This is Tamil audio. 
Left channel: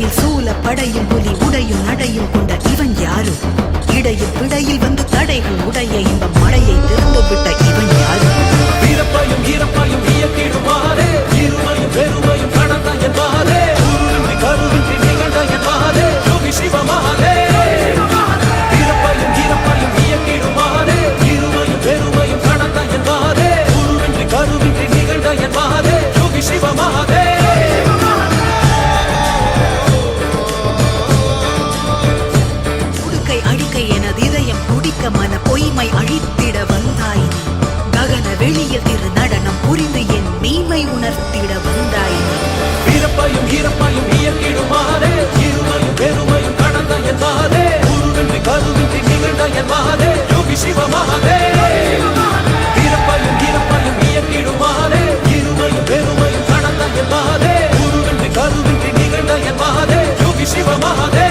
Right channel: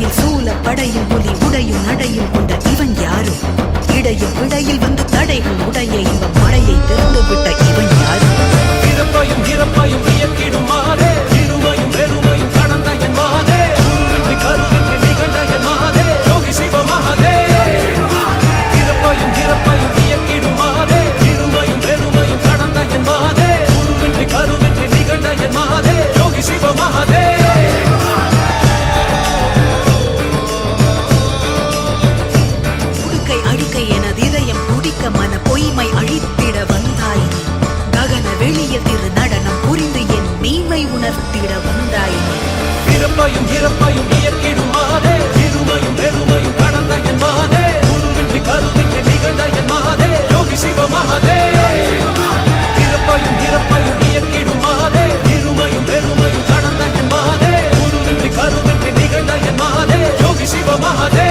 கையில் சூல படையும் புலி உடையும் நடையும் கொண்ட இவன் யாரு? இடையில் விடையில் வந்து தடைகள் உடைய இன்ப மழையை திறந்து விட்ட இவன் யாரு? பிறப்பையும் இறப்பையும் இயக்கிடுமாறே இருமையும் பெருமையும் கடந்த என் மகனே கருவின்றி நிகழ்ந்த என் மகனே யோகி சிவ மகனே. பிறப்பையும் இறப்பையும் இயக்கிடுமாறே இருமையும் பெருமையும் கடந்த என் மகனே கருவின்றி நிகழ்ந்த என் மகனே யோகி சிவ மகனே. அழிக்கை எனது இதயம் துடிக்க மன பொய்மை அழித்திட வந்தாய் நீ. ககன வெளியில் திரு நடனம் புரிந்து என் மெய்மை உணர்த்திட வந்தாய் நீ. பிறப்பையும் இறப்பையும் இயக்கிடுமாறே இருமையும் பெருமையும் கடந்த என் மகனே குருவின்றி கருவின்றி நிகழ்ந்த என் மகனே யோகி சிவ மகனே. பிறப்பையும் இறப்பையும் இயக்கிடுமாறே இருமையும் பெருமையும் கடந்த என் மகனே குருவின்றி கருவின்றி நிகழ்ந்த என் மகனே யோகி சிவ மகனே.